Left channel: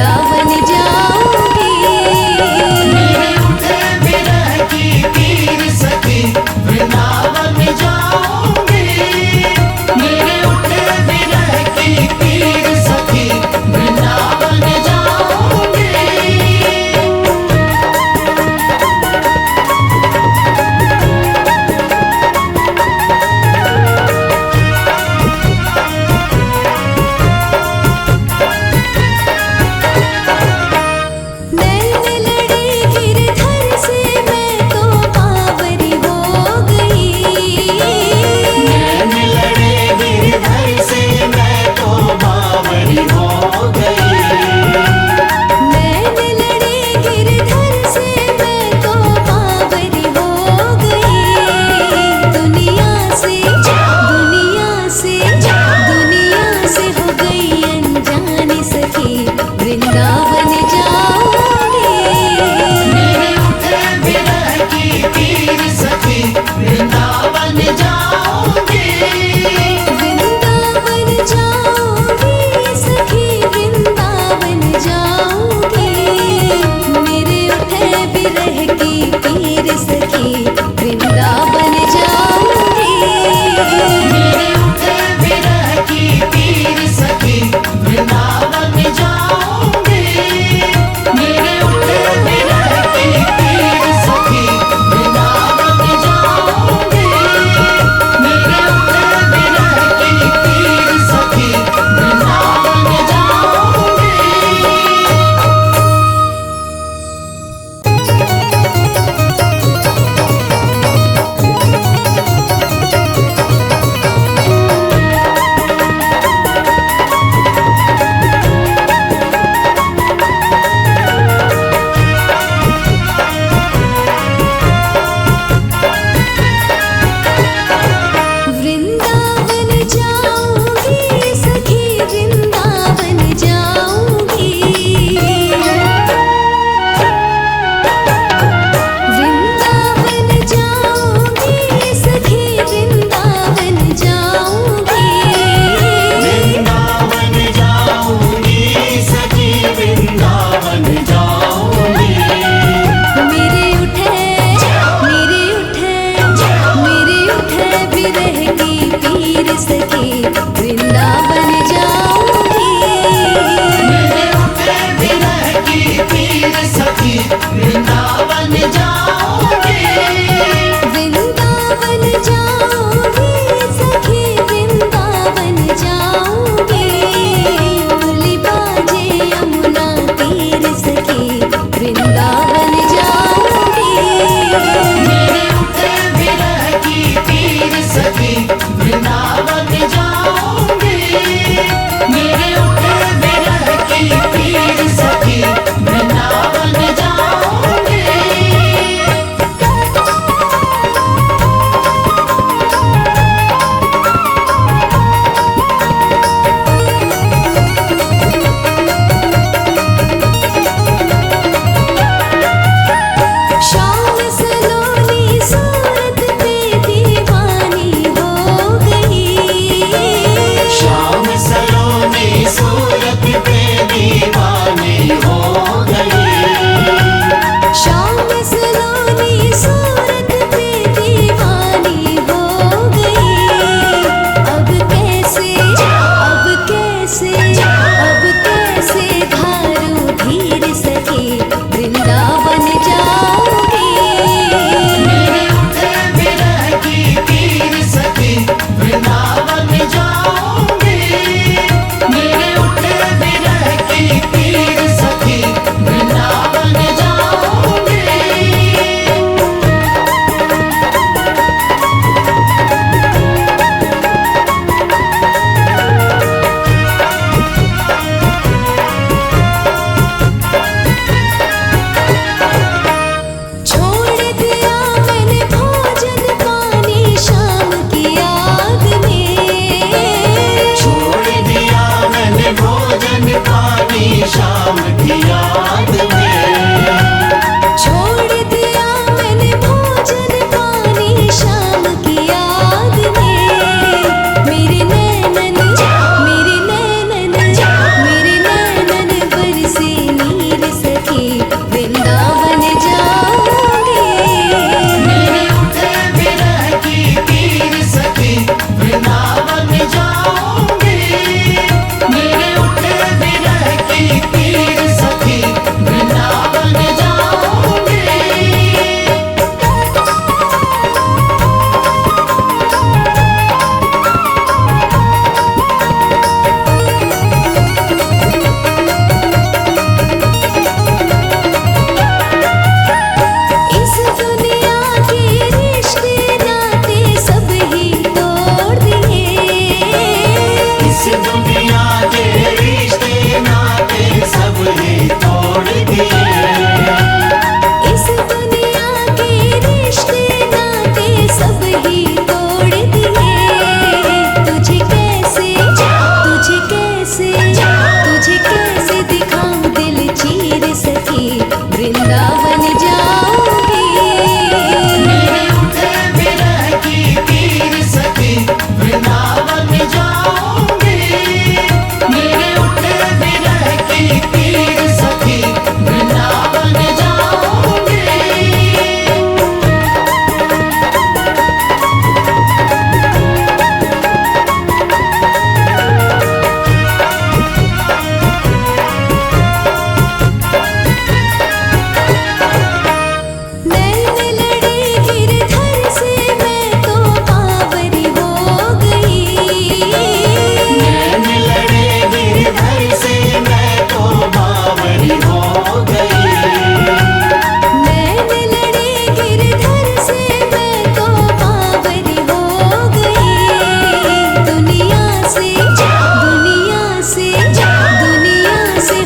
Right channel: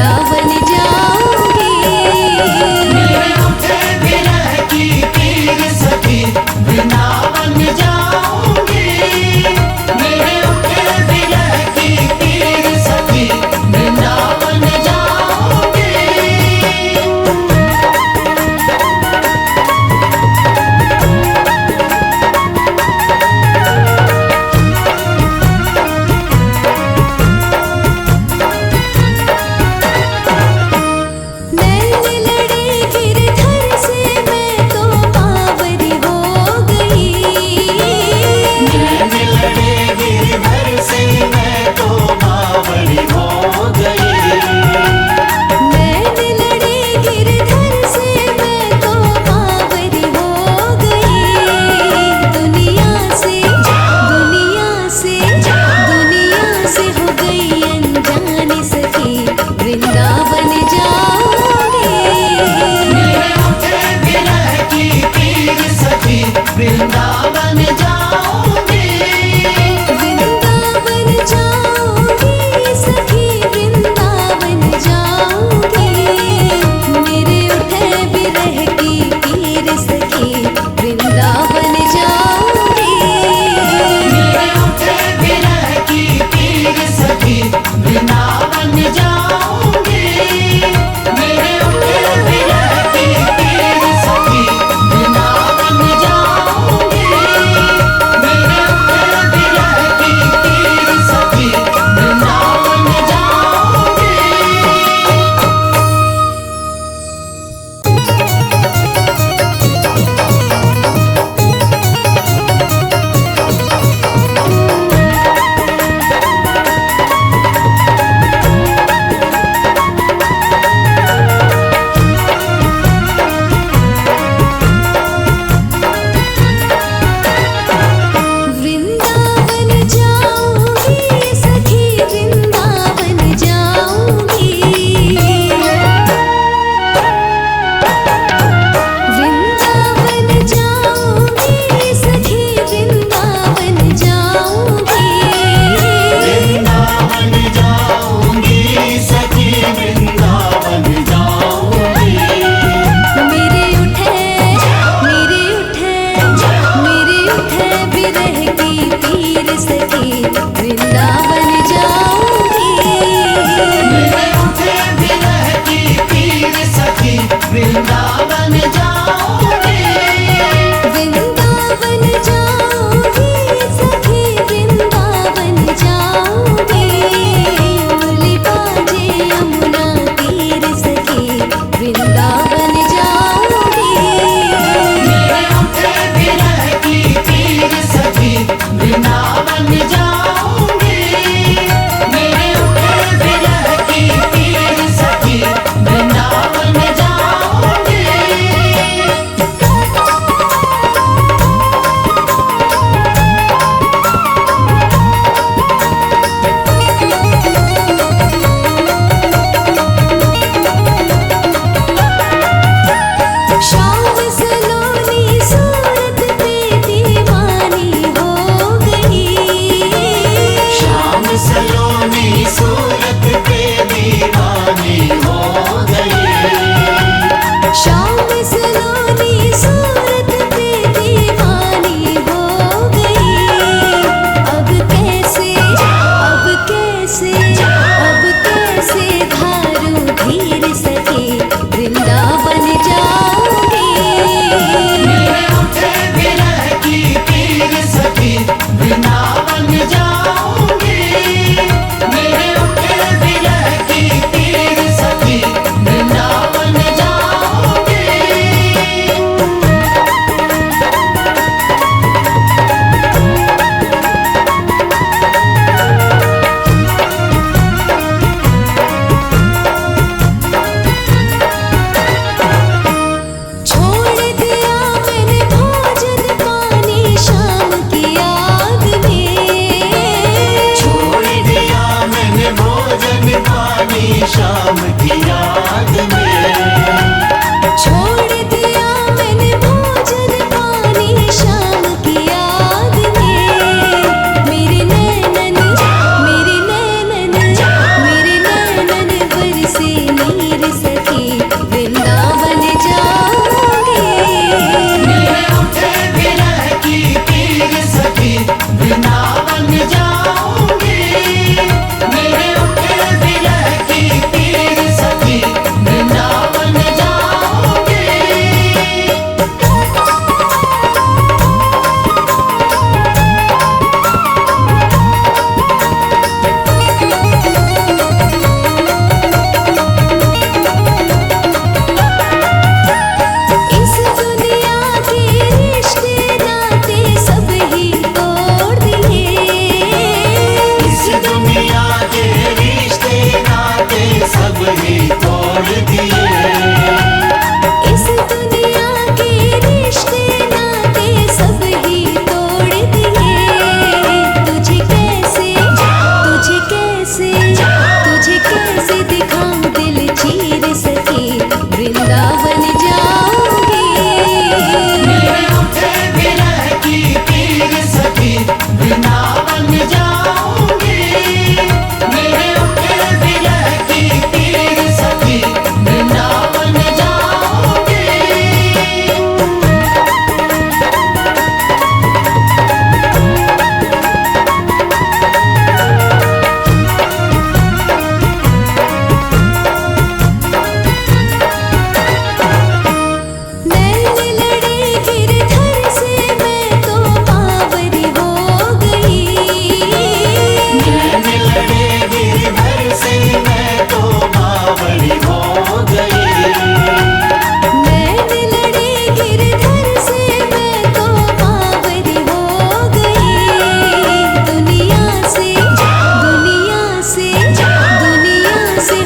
वृंदावन जाऊंगी। मेरे उठे विरह की पीर सखी वृंदावन जाऊंगी। मेरे उठे विरह की पीर सखी वृंदावन जाऊंगी। नैन लड़े गिरधर से मैं तो बावरी हो गई। नैन लड़े गिरधर से मैं तो बावरी हो गई। नैन लड़े गिरधर से मैं तो बावरी हो गई। दुनिया से हो गई अनजानी सखी वृंदावन जाऊंगी। मेरे उठे विरह की पीर सखी वृंदावन जाऊंगी। वृंदावन जाऊंगी सखी वृंदावन जाऊंगी। मेरे उठे विरह की पीर सखी वृंदावन जाऊंगी। मेरे उठे विरह की पीर सखी वृंदावन जाऊंगी। मेरे उठे विरह की पीर सखी वृंदावन जाऊंगी। मेरे उठे विरह की पीर सखी वृंदावन जाऊंगी। वृंदावन जाऊंगी सखी वृंदावन जाऊंगी। वृंदावन जाऊंगी सखी वृंदावन जाऊंगी। वृंदावन जाऊंगी सखी वृंदावन जाऊंगी। मेरे उठे विरह की पीर सखी वृंदावन जाऊंगी। मेरे उठे विरह की पीर सखी वृंदावन जाऊंगी। वृंदावन जाऊंगी सखी वृंदावन जाऊंगी। मुरली बाजे यमुना तीर सखी वृंदावन जाऊंगी। मेरे उठे विरह की पीर सखी वृंदावन जाऊंगी। मेरे उठे विरह की पीर सखी वृंदावन जाऊंगी। सखी वृंदावन जाऊंगी। मेरे उठे विरह की पीर सखी वृंदावन जाऊंगी। मेरे उठे विरह की पीर सखी वृंदावन जाऊंगी। नैन लड़े गिरधर से मैं तो बावरी हो गई। नैन लड़े गिरधर से मैं तो बावरी हो गई। नैन लड़े गिरधर से मैं तो बावरी हो गई। दुनिया से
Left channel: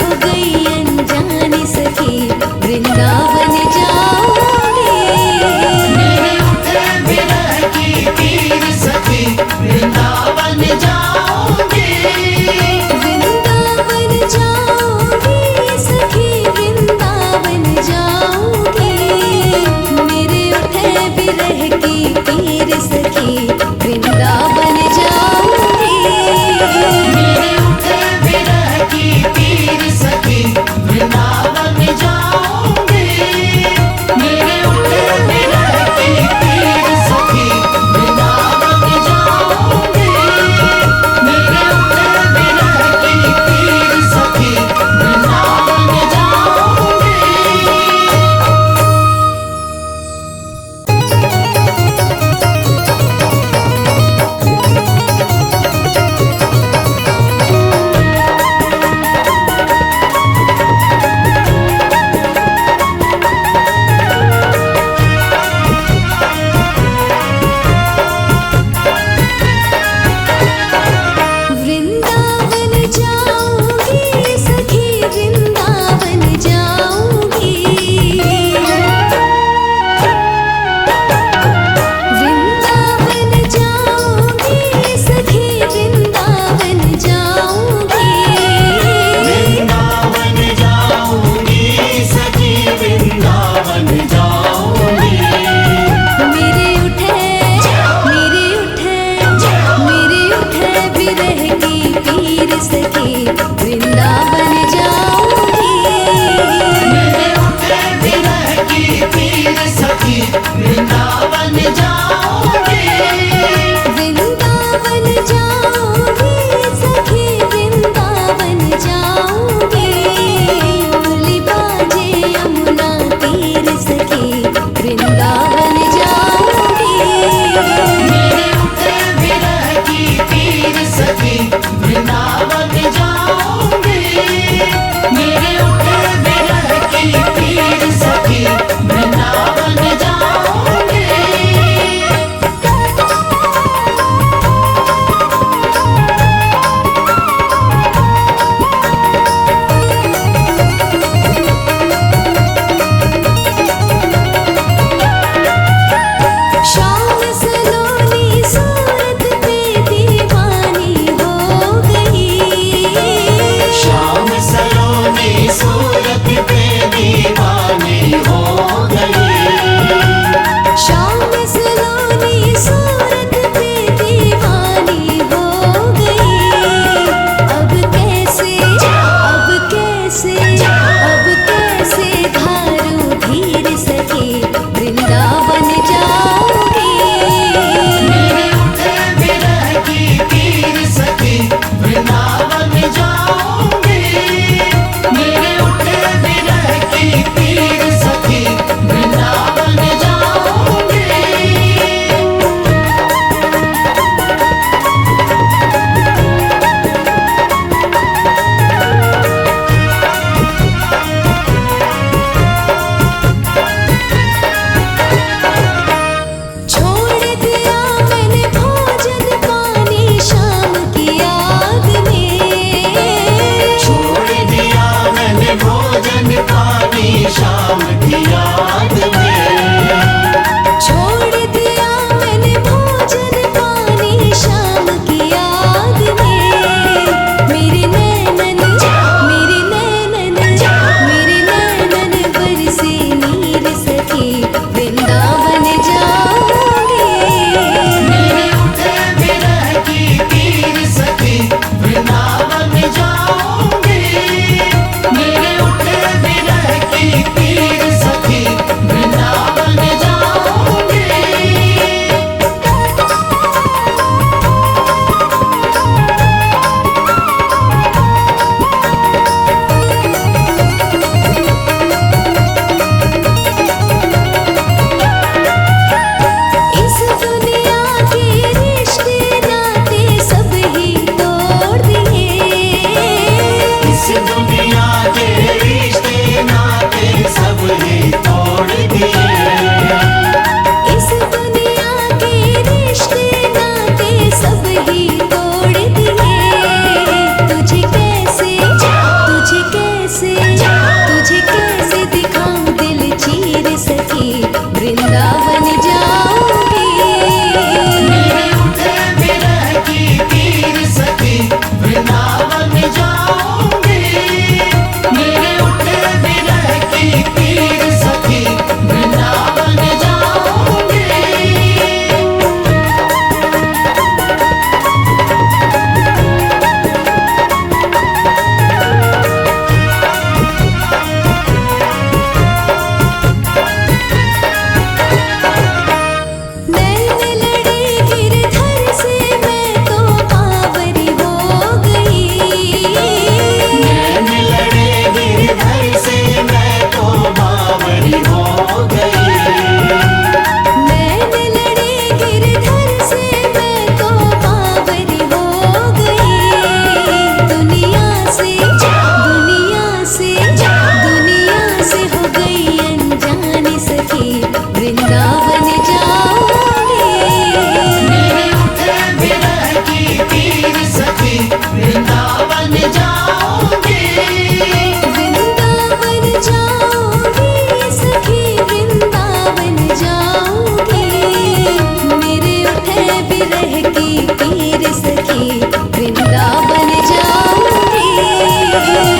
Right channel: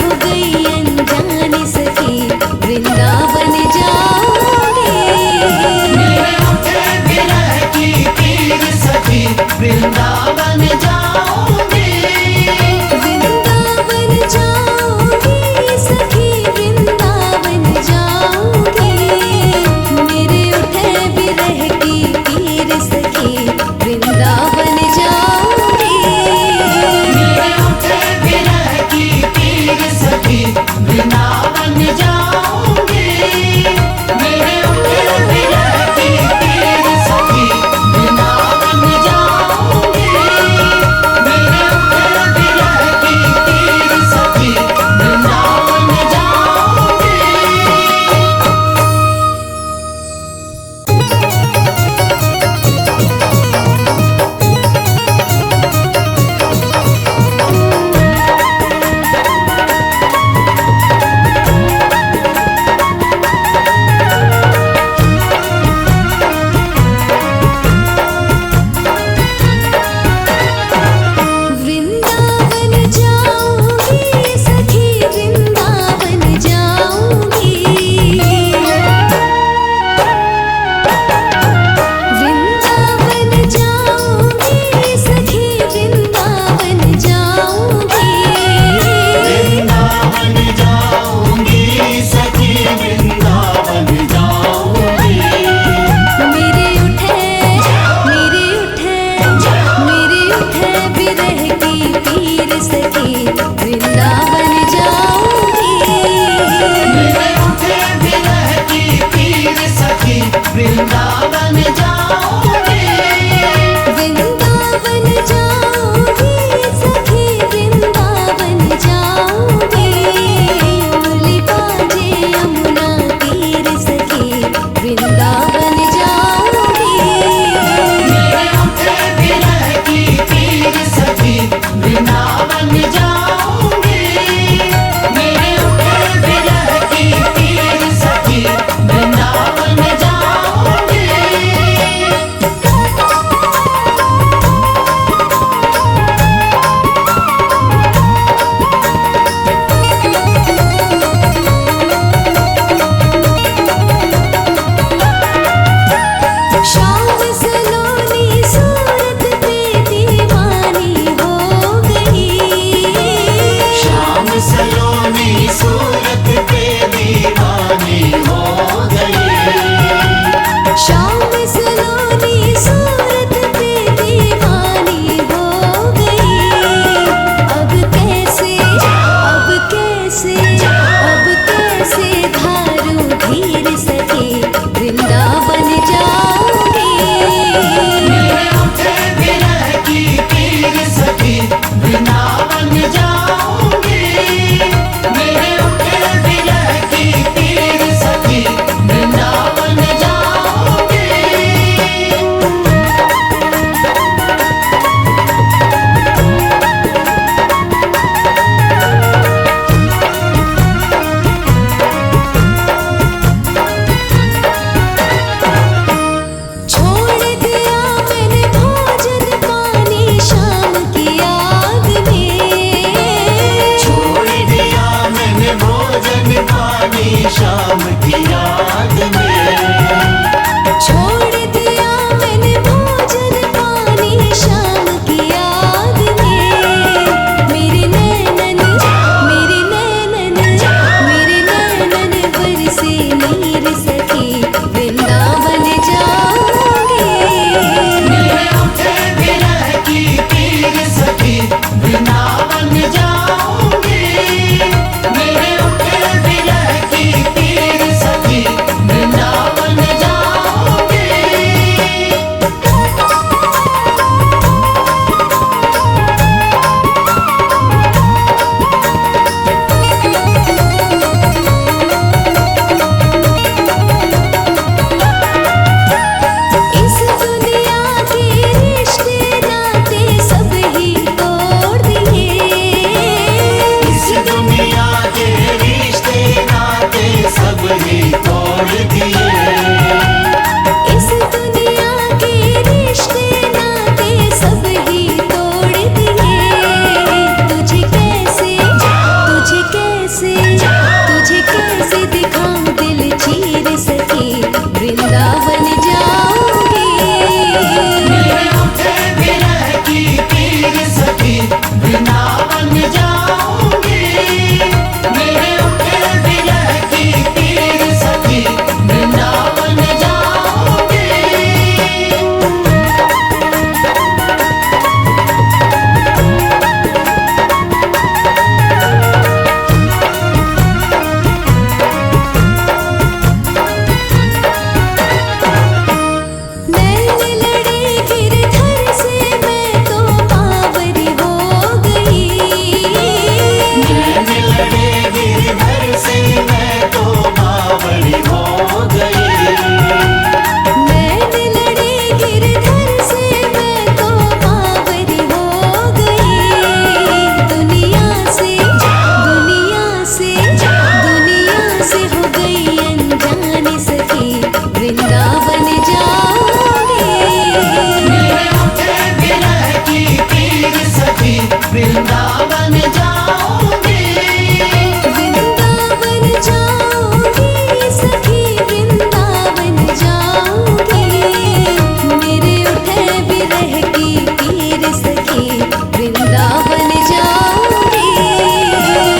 हो गई अनजानी सखी वृंदावन जाऊंगी। मेरे उठे विरह की पीर सखी वृंदावन जाऊंगी। वृंदावन जाऊंगी सखी वृंदावन जाऊंगी। मेरे उठे विरह की पीर सखी वृंदावन जाऊंगी। मेरे उठे विरह की पीर सखी वृंदावन जाऊंगी। मेरे उठे विरह की पीर सखी वृंदावन जाऊंगी। मेरे उठे विरह की पीर सखी वृंदावन जाऊंगी। वृंदावन जाऊंगी सखी वृंदावन जाऊंगी। वृंदावन जाऊंगी सखी वृंदावन जाऊंगी। वृंदावन जाऊंगी सखी वृंदावन जाऊंगी। मेरे उठे विरह की पीर सखी वृंदावन जाऊंगी। मेरे उठे विरह की पीर सखी वृंदावन जाऊंगी। वृंदावन जाऊंगी सखी वृंदावन जाऊंगी। मुरली बाजे यमुना तीर सखी वृंदावन जाऊंगी। मेरे उठे विरह की पीर सखी वृंदावन जाऊंगी। मेरे उठे विरह की पीर सखी वृंदावन जाऊंगी। शाम सलोनी सूरत पे दीवानी हो गई। शाम सलोनी सूरत पे दीवानी हो गई। शाम सलोनी सूरत पे दीवानी हो गई। अब कैसे धारू धीर सखी वृंदावन जाऊंगी। मेरे उठे विरह की पीर सखी वृंदावन जाऊंगी। मेरे उठे विरह की पीर सखी वृंदावन जाऊंगी। छोड़ दिया मैंने भोजन पानी शाम की याद में। छोड़ दिया मैंने भोजन पानी शाम की याद में। छोड़ दिया मैंने भोजन पानी शाम की याद में। मेरे नैनन चीर सखी वृंदावन जाऊंगी। मेरे उठे विरह की पीर सखी वृंदावन जाऊंगी। मेरे उठे विरह की पीर सखी वृंदावन जाऊंगी। नैन लड़े गिरधर से मैं तो बावरी हो गई। नैन लड़े गिरधर से मैं तो बावरी हो गई। नैन लड़े गिरधर से मैं तो बावरी हो गई। दुनिया से हो गई अनजानी सखी वृंदावन जाऊंगी। मेरे उठे विरह की पीर सखी वृंदावन जाऊंगी। वृंदावन जाऊंगी सखी वृंदावन जाऊंगी। मेरे उठे विरह की पीर सखी वृंदावन जाऊंगी।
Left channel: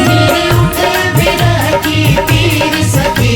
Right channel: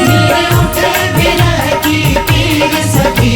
मेरे उठे विरह की पीर सखी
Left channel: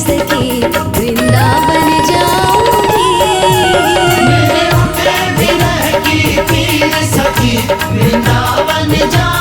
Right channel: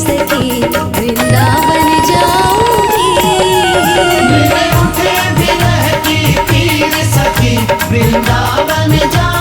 सखी वृंदावन जाऊंगी। मेरे उठे विरह की पीर सखी वृंदावन जा